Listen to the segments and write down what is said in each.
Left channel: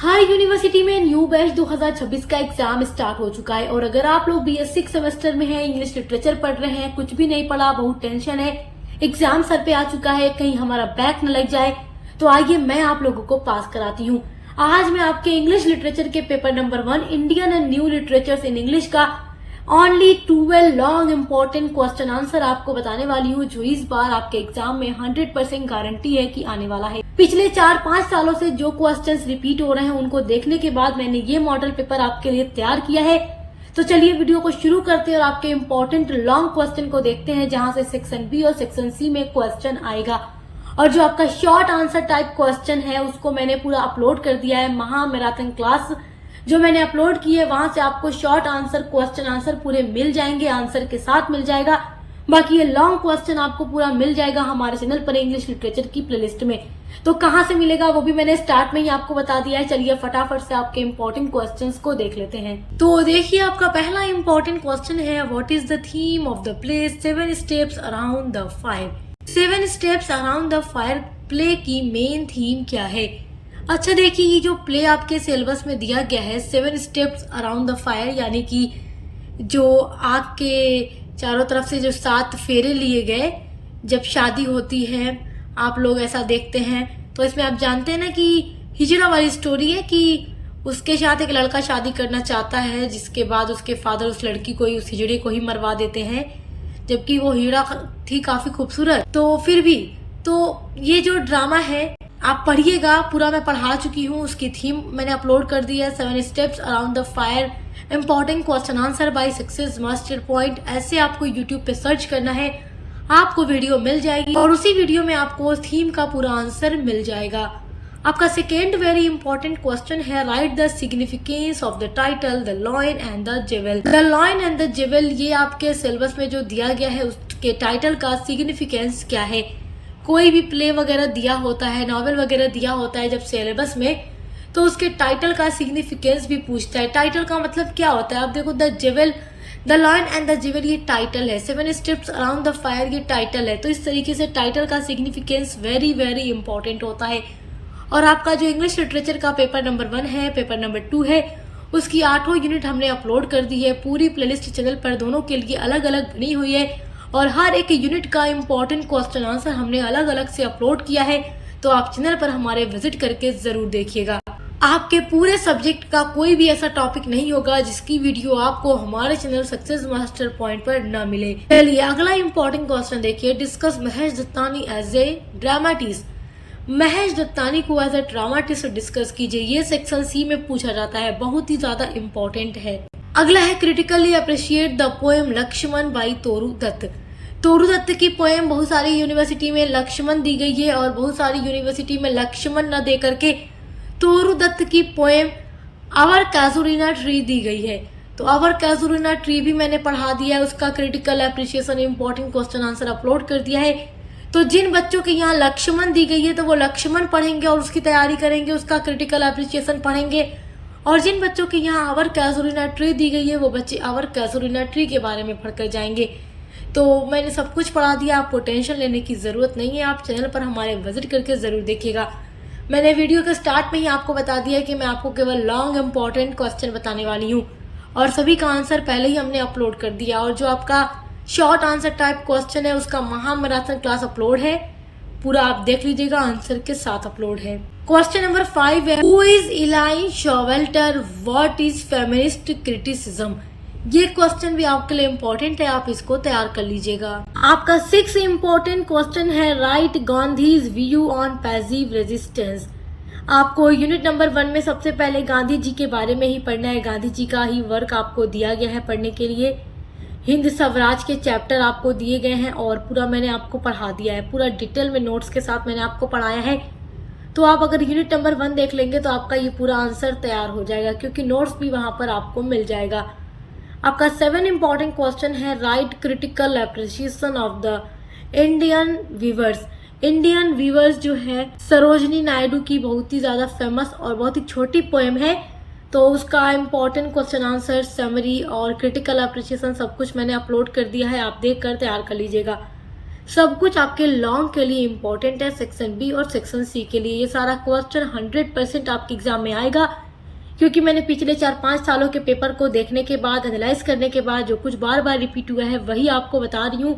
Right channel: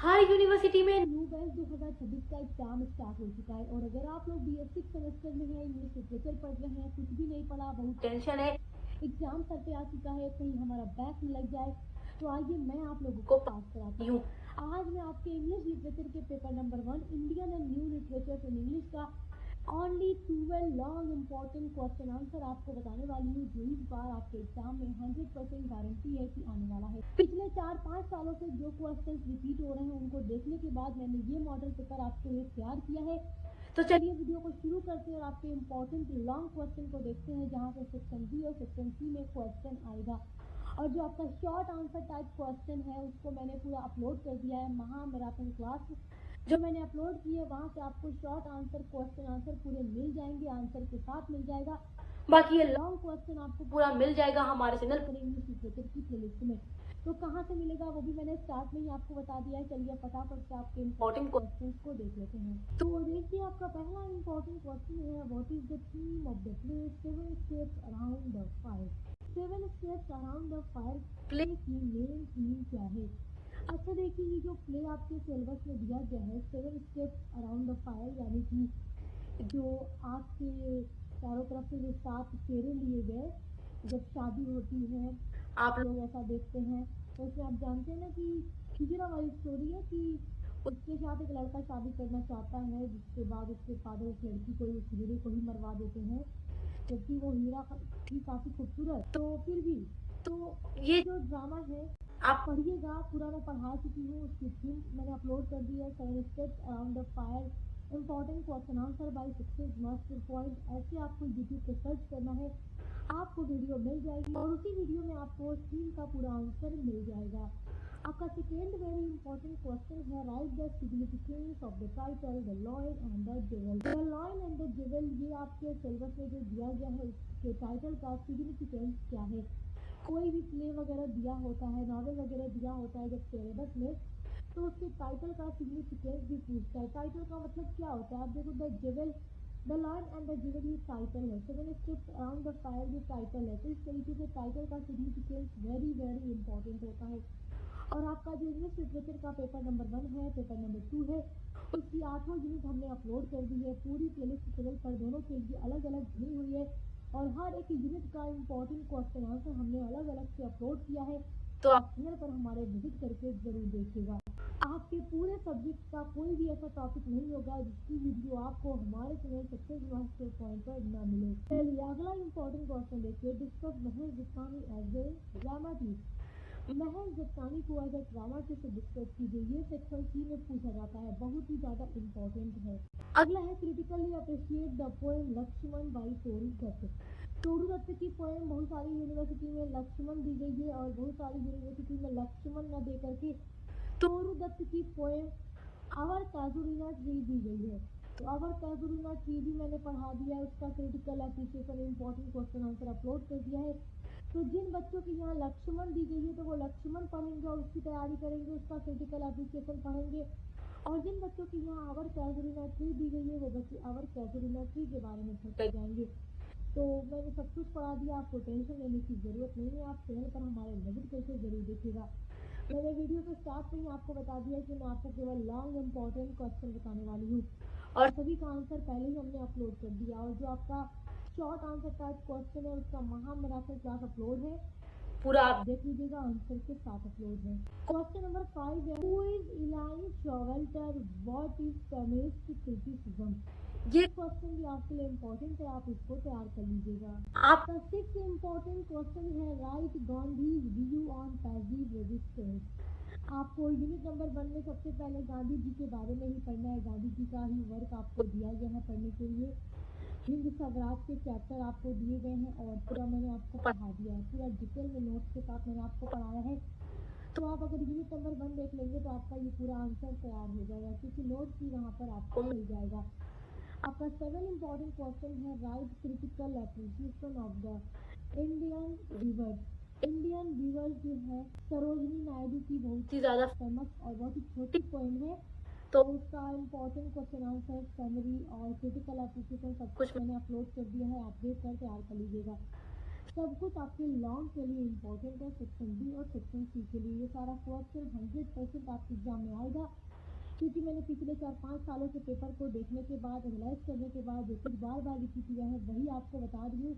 हर university में new batch 2026 का exam start हो चुका है और अगर आप लोग BS6 सेमेस्टर में हैं, इंग्लिश लिटरेचर पढ़ रहे हैं, कुछ भी नहीं पढ़ा, बहुत टेंशन है, एग्जाम सर पे आ चुका है, कहीं हमारा बैक न लग जाए, तो आइए मैं आप लोगों को पास कराती हूँ। आज मैं आपके इंग्लिश लिटरेचर के paper number 1 Indian and new literature in English का only 12 long important question answer आपको बताने वाली हूँ, जो इस बार आपके एग्जाम में 100% गारंटी है कि आने वाला है। पिछले 4-5 सालों से जो क्वेश्चंस रिपीट हो रहे हैं उनको देखने के बाद मैंने ये मॉडल पेपर आपके लिए तैयार किया है। तो चलिए वीडियो को शुरू करते हैं और आपके इम्पोर्टेंट लॉन्ग क्वेश्चन को देखते हैं, जहां से सेक्शन बी और सेक्शन सी में क्वेश्चन आएगा। और जो आपका शॉर्ट आंसर टाइप क्वेश्चन है उसको मैंने पूरा अपलोड कर दिया है। महा मैराथन क्लास जो मैंने अपलोड की है वहां से आपको शॉर्ट आंसर क्वेश्चन आंसर पूरे मिल जाएंगे, आंसर के साथ मिल जाएगा। बाकी ये लॉन्ग क्वेश्चन आपको पूरा मिल जाएगा हमारे चैनल पर इंग्लिश लिटरेचर की प्लेलिस्ट में। तो कहां से मिलेगा वो भी मैंने स्टार्ट में ही आपको बता दिया है। चलिए फटाफट से आपके इम्पोर्टेंट क्वेश्चंस को देख लेते हैं। तो देखिए आपका पहला इम्पोर्टेंट क्वेश्चन है, what is the theme of the play 7 steps around the fire. 7 steps around the fire play की मेन थीम क्या है। अच्छा देखिए, ये जो प्ले आपके सिलेबस में दिया गया है 7 स्टेप्स अराउंड द फायर, यानी कि जो आग के चारों तरफ से जो 7 फेरे लिए गए जब शादी होती है, आप लोग ऐसा देखते हैं। तो इसमें आप जानते हैं ना कि हिजड़ा वाली स्टोरी है कि उसके साथ एक लड़का शादी करना चाहता है, जिसके बाद उसके फादर उस लड़की को ही, उस हिजड़े को ही मरवा देते हैं, जबकि वो हिजड़ा थी काफी खूबसूरत। तो फिर भी तो ये जो ड्रामा है आप पढ़िएगा, पूरा मैं पढ़ा चुकी हूँ, उसकी थीम मैंने अपलोड कर दी है। 7 steps around the fire important question answer by success master point, ऐसे आपको यूट्यूब पे सर्च करना है, आपको वीडियो मिल जाएगी और उसी वीडियो में आपको थीम का पूरा आंसर मिल जाएगा। आपका सेकेंड वेरी इंपॉर्टेंट क्वेश्चन है, write the significance of the title the lion and the jewel. The lion and the jewel ये आपके सिलेबस में जो दिया गया है उसके टाइटल का सिग्निफिकेंस क्या है। कोई भी प्ले वगैरह दिया होता है, नॉवेल वगैरह दिया होता है जब सिलेबस में, तो उसके टाइटल का सिग्निफिकेंस भी पूछता है। टाइटल का मतलब क्या होता है, आप देखो the jewel, the lion and the jewel ये टाइटल है, 7 स्टेप्स अराउंड द फायर ये टाइटल है। तो इस तरीके से टाइटल का सिग्निफिकेंस वेरी वेरी इंपॉर्टेंट होता है। और आपका जो इंग्लिश लिटरेचर का पेपर नंबर 1 है, पेपर नंबर 2 है, उसकी 8 यूनिट हमने अपलोड कर दी है। पूरी प्लेलिस्ट चैनल पर दोनों के लिए अलग अलग बनी हुई है और हर एक यूनिट का इम्पोर्टेंट क्वेश्चन आंसर हमने अलग अलग से अपलोड किया है। तो आप चैनल पर हमारे विजिट करके जरूर देखिएगा। आपके पूरे सब्जेक्ट का कोई भी ऐसा टॉपिक नहीं होगा जिसकी वीडियो आपको हमारे चैनल सक्सेस मास्टर पॉइंट पर न मिले। चलिए अगला इम्पोर्टेंट क्वेश्चन देखिए, discuss Mahesh Dattani as a dramatist. Mahesh Dattani को एज ए ड्रामाटिस्ट डिस्कस कीजिए, ये सेक्शन सी में पूछा जाता है, बहुत ही ज्यादा इम्पोर्टेंट है। अगला है, critically appreciate the poem Lakshman by Toru Dutt. Toru Dutt की पोएम बहुत सारी यूनिवर्सिटी में लक्ष्मण दी गई है और बहुत सारी यूनिवर्सिटी में लक्ष्मण न दे करके तोरू दत्त की पोएम आवर कैजुरीना ट्री दी गई है। तो आवर कैजुरीना ट्री भी मैंने पढ़ा दिया है, उसका critical appreciation important question answer upload कर दिया है। तो जिन बच्चों के यहाँ लक्ष्मण दी गई है तो वो लक्ष्मण पढ़ेंगे और उसकी तैयारी करेंगे, उसका क्रिटिकल एप्रिशिएशन पढ़ेंगे। और जिन बच्चों के यहाँ आवर कैजुरीना ट्री दी गई है वो बच्चे आवर कैजुरीना ट्री के बारे में पढ़कर जाएंगे। तो मैंने सब कुछ पढ़ा दिया, आपको टेंशन लेने की ज़रूरत नहीं है। आप चैनल पर हमारे विजिट करके ज़रूर देखिएगा। मैंने वीडियो के स्टार्ट में ही आपको बता दिया कि मैं आपको केवल लॉन्ग इम्पॉर्टेंट क्वेश्चन बताने वाली हूँ और सभी का आंसर पहले ही हमने अपलोड कर दिया। और जो आपका शॉर्ट आंसर टाइप क्वेश्चन है उसका महा मैराथन क्लास अपलोड है, पूरा आप देख लीजिएगा, आंसर के साथ अपलोड है। क्वेश्चन नंबर 5 है, who is Elaine Showalter, what is feminist criticism. ये क्वेश्चन भी आपके लिए इम्पोर्टेंट है, आप इसको तैयार कर लीजिएगा। आपका 6 इम्पोर्टेंट क्वेश्चन है, right Gandhi's view on passive resistance. आपको यूनिट नंबर 1 में सबसे पहले गांधी जी के बारे में ही पढ़ना है, गांधी जी का ही वर्क आपको दिया गया है पढ़ने के लिए। हिंद स्वराज के चैप्टर आपको दिए गए हैं और पूरा मैंने आपको पढ़ा दिया है, पूरा डिटेल में नोट्स के साथ मैंने आपको पढ़ाया है। तो आप अगर यूनिट नंबर 1 देख लेंगे तो आपका ये पूरा आंसर तैयार हो जाएगा, क्योंकि नोट्स भी वहां पर आपको मिल जाएगा। आपका 7 इम्पॉर्टेंट क्वेश्चन है, write critical appreciation of the Indian weavers. Indian weavers जो है सरोजनी नायडू की बहुत ही ज़्यादा फेमस और बहुत ही छोटी पोएम है, तो उसका इम्पॉर्टेंट क्वेश्चन आंसर, समरी और क्रिटिकल एप्रिसिएशन सब कुछ मैंने अपलोड कर दिया है, आप देख कर तैयार कर लीजिएगा। सब कुछ आपके लॉन्ग के लिए इम्पोर्टेंट है, सेक्शन बी और सेक्शन सी के लिए। ये सारा क्वेश्चन 100% आपके एग्जाम में आएगा, क्योंकि मैंने पिछले 4-5 सालों के पेपर को देखने के बाद, एनालाइज करने के बाद जो कुछ बार बार रिपीट हुआ है वही आपको बता रही हूँ,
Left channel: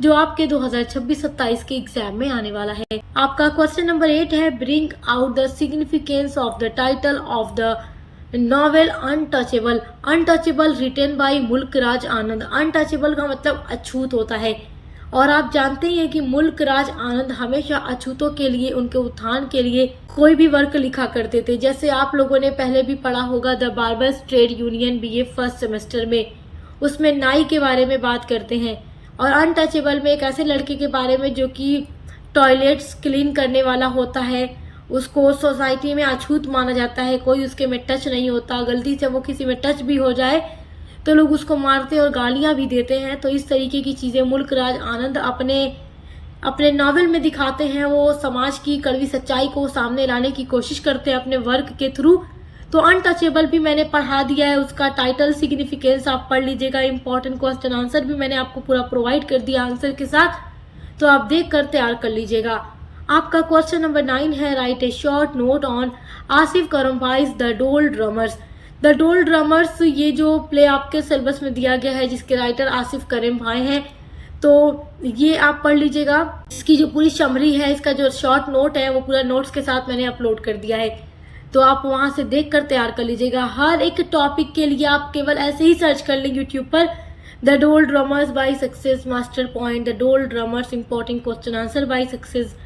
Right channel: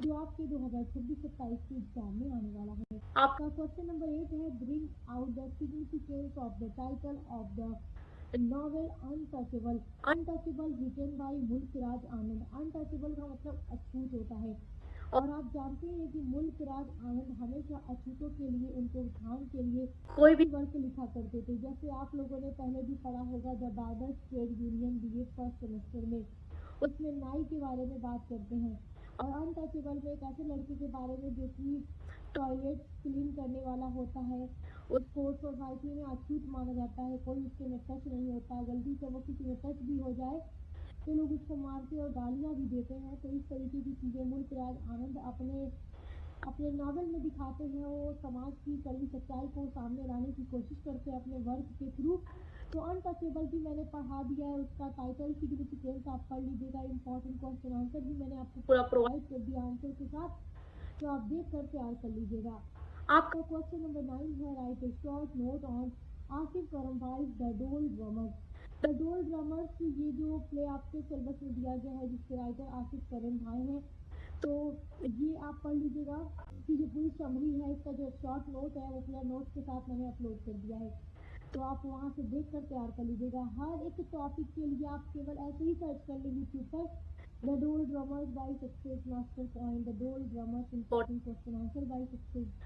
जो आपके 2026-27 के एग्जाम में आने वाला है। आपका क्वेश्चन नंबर 8 है, bring out the significance of the title of the novel untouchable. Untouchable written by Mulk Raj Anand. Untouchable का मतलब अछूत होता है, और आप जानते ही हैं कि मुल्क राज आनंद हमेशा अछूतों के लिए, उनके उत्थान के लिए कोई भी वर्क लिखा करते थे। जैसे आप लोगों ने पहले भी पढ़ा होगा the barbers trade union BA first semester में, उसमें नाई के बारे में बात करते हैं। और अनटचेबल में एक ऐसे लड़के के बारे में जो कि टॉयलेट्स क्लीन करने वाला होता है, उसको सोसाइटी में अछूत माना जाता है, कोई उसके में टच नहीं होता। गलती से वो किसी में टच भी हो जाए तो लोग उसको मारते और गालियां भी देते हैं। तो इस तरीके की चीज़ें मुल्क राज आनंद अपने नावल में दिखाते हैं। वो समाज की कड़वी सच्चाई को सामने लाने की कोशिश करते हैं अपने वर्क के थ्रू। तो अनटचेबल भी मैंने पढ़ा दिया है, उसका टाइटल सिग्निफिकेंस आप पढ़ लीजिएगा। इंपॉर्टेंट क्वेश्चन आंसर भी मैंने आपको पूरा प्रोवाइड कर दिया आंसर के साथ, तो आप देख कर तैयार कर लीजिएगा। आपका क्वेश्चन नंबर 9 है, write a short note on Asif Currimbhoy the Doldrummers. The Doldrummers, ये जो प्ले आपके सिलेबस में दिया गया है जिसके राइटर आसिफ करीम भाई हैं, तो ये आप पढ़ लीजिएगा। इसकी जो पूरी समरी है, इसका जो शॉर्ट नोट है वो पूरा नोट्स के साथ मैंने अपलोड कर दिया है, तो आप वहां से देख कर तैयार कर लीजिएगा। हर एक टॉपिक के लिए आप केवल ऐसे ही सर्च कर लें यूट्यूब पर, the Doldrummers by success master point, the Doldrummers important question answer by success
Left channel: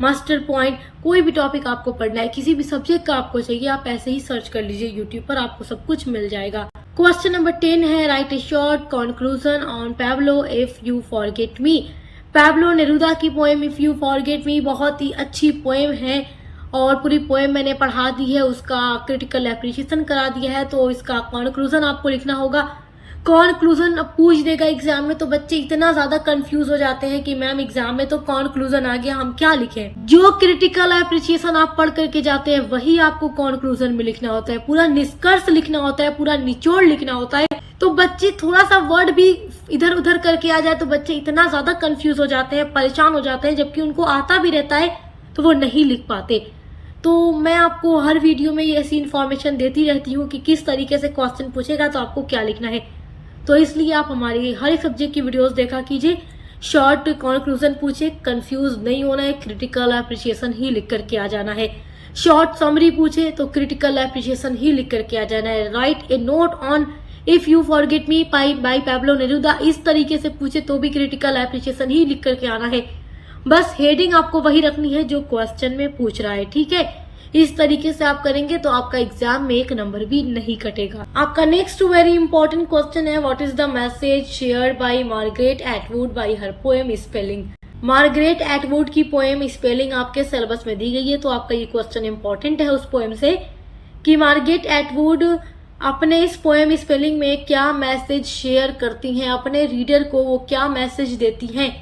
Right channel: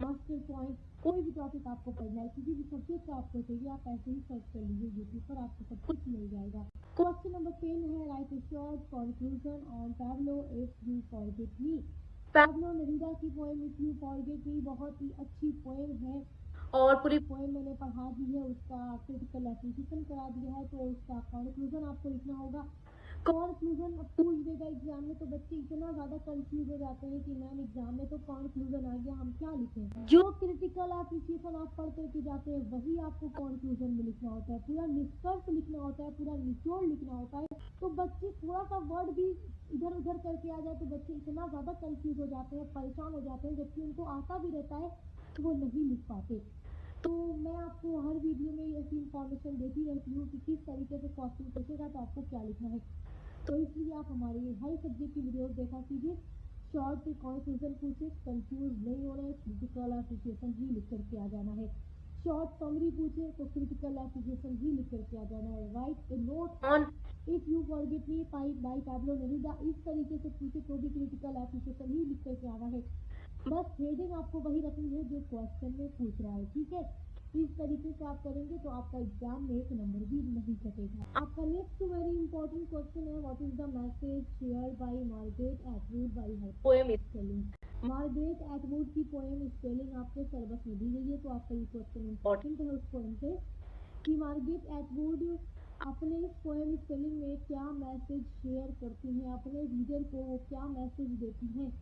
master point. कोई भी टॉपिक आपको पढ़ना है, किसी भी सब्जेक्ट का आपको चाहिए, आप ऐसे ही सर्च कर लीजिए यूट्यूब पर, आपको सब कुछ मिल जाएगा। क्वेश्चन नंबर 10 है, write a short conclusion on Pablo if you forget me. Pablo Neruda की poem if you forget me बहुत ही अच्छी पोएम है, और पूरी पोएम मैंने पढ़ा दी है, उसका क्रिटिकल एप्रिशिएशन करा दिया है। तो इसका कंक्लूजन आपको लिखना होगा। कंक्लूजन पूछ देगा एग्जाम में, तो बच्चे इतना ज्यादा कंफ्यूज हो जाते हैं कि मैम एग्जाम में तो कंक्लूजन आ गया, हम क्या लिखें। जो क्रिटिकल एप्रिशिएशन आप पढ़ करके जाते हैं वही आपको कंक्लूजन में लिखना होता है, पूरा निष्कर्ष लिखना होता है, पूरा निचोड़ लिखना होता है। तो बच्चे थोड़ा सा वर्ड भी इधर उधर करके आ जाए तो बच्चे इतना ज्यादा कंफ्यूज हो जाते हैं, परेशान हो जाते हैं, जबकि उनको आता भी रहता है तो वो नहीं लिख पाते। तो मैं आपको हर वीडियो में ये ऐसी इन्फॉर्मेशन देती रहती हूँ कि किस तरीके से क्वेश्चन पूछेगा तो आपको क्या लिखना है। तो इसलिए आप हमारी हर एक सब्जेक्ट की वीडियोस देखा कीजिए। शॉर्ट कंक्लूजन पूछे, कंफ्यूज नहीं होना है, क्रिटिकल एप्रिशिएशन ही लिख करके आ जाना है। शॉर्ट समरी पूछे तो क्रिटिकल एप्रिशिएशन ही लिख करके आ जाना है। Write a note on if you forget me by Pablo Neruda, इस तरीके से पूछे तो भी क्रिटिकल एप्रिशिएशन ही लिख करके आना है। बस हेडिंग आपको वही रखनी है जो क्वेश्चन में पूछ रहा है, ठीक है। इस तरीके से आप करेंगे तो आपका एग्जाम में एक नंबर भी नहीं कटेगा। आपका नेक्स्ट वेरी इंपॉर्टेंट क्वेश्चन है, what is the message shared by Margaret Atwood bye her poem spelling. Margaret Atwood की पोएम स्पेलिंग आपके सिलेबस में दी गई है, तो आपका ये क्वेश्चन इंपॉर्टेंट है उस पोएम से कि मार्गरेट एटवुड अपने इस पोएम स्पेलिंग में क्या मैसेज शेयर करती हैं, अपने रीडर को वो क्या मैसेज देती हैं।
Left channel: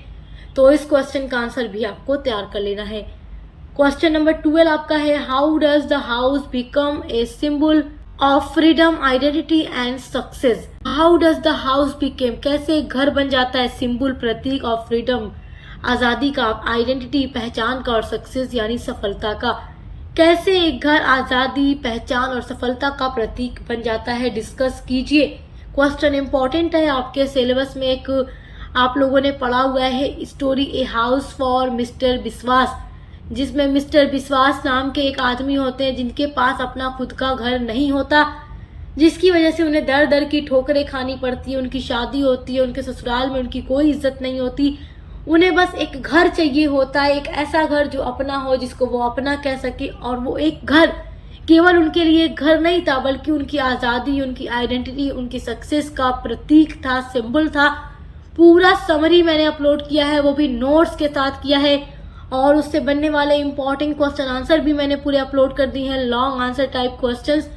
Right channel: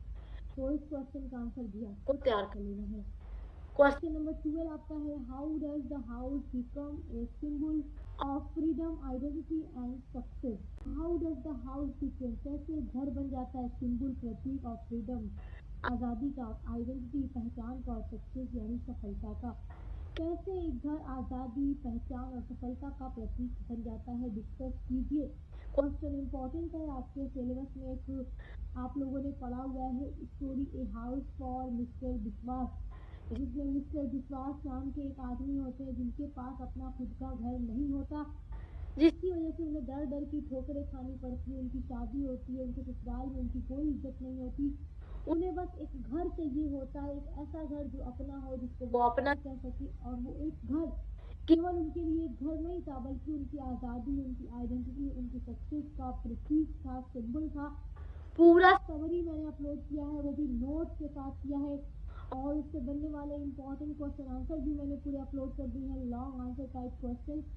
तो इस क्वेश्चन का आंसर भी आपको तैयार कर लेना है। क्वेश्चन नंबर 12 आपका है, how does the house become a symbol of freedom identity and success. How does the house became, कैसे घर बन जाता है सिंबल, प्रतीक ऑफ फ्रीडम, आजादी का, आइडेंटिटी पहचान का, और सक्सेस यानी सफलता का। कैसे एक घर आजादी, पहचान और सफलता का प्रतीक बन जाता है, डिस्कस कीजिए। क्वेश्चन इंपॉर्टेंट है, आपके सिलेबस में एक आप लोगों ने पढ़ा हुआ है story a house for mister विश्वास, जिसमें मिस्टर विश्वास नाम के एक आदमी होते हैं जिनके पास अपना खुद का घर नहीं होता, जिसकी वजह से उन्हें दर दर की ठोकरें खानी पड़ती है। उनकी शादी होती है, उनके ससुराल में उनकी कोई इज्जत नहीं होती, उन्हें बस एक घर चाहिए होता है, एक ऐसा घर जो अपना हो, जिसको वो अपना कह सके। और वो एक घर केवल उनके लिए एक घर नहीं था, बल्कि उनकी आज़ादी, उनकी आइडेंटिटी, उनकी सक्सेस का प्रतीक था, सिंबल था। पूरा समरी मैंने अपलोड किया है, वो भी नोट्स के साथ किया है, और उससे बनने वाले इंपॉर्टेंट क्वेश्चन आंसर भी मैंने पूरे अपलोड कर दिए हैं, लॉन्ग आंसर टाइप क्वेश्चंस।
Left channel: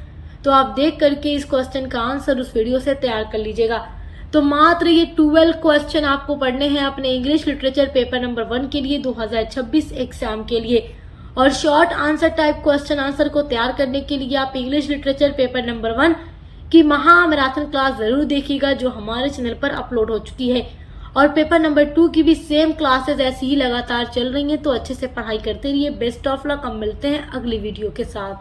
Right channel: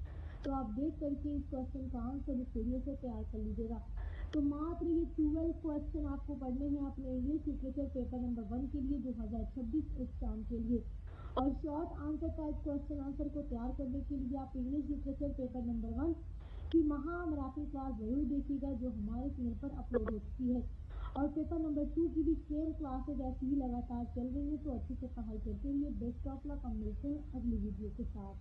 तो आप देख करके इस क्वेश्चन का आंसर उस वीडियो से तैयार कर लीजिएगा। तो मात्र ये 12 क्वेश्चन आपको पढ़ने हैं अपने इंग्लिश लिटरेचर पेपर नंबर 1 के लिए 2026 एग्जाम के लिए। और short answer type question answer को तैयार करने के लिए आप इंग्लिश लिटरेचर पेपर नंबर 1 की महा मैराथन क्लास जरूर देखिएगा, जो हमारे चैनल पर अपलोड हो चुकी है। और पेपर नंबर 2 की भी सेम क्लासेस ऐसी ही लगातार चल रही हैं, तो अच्छे से पढ़ाई करते रहिए। Best of luck. हम मिलते हैं अगली वीडियो के साथ।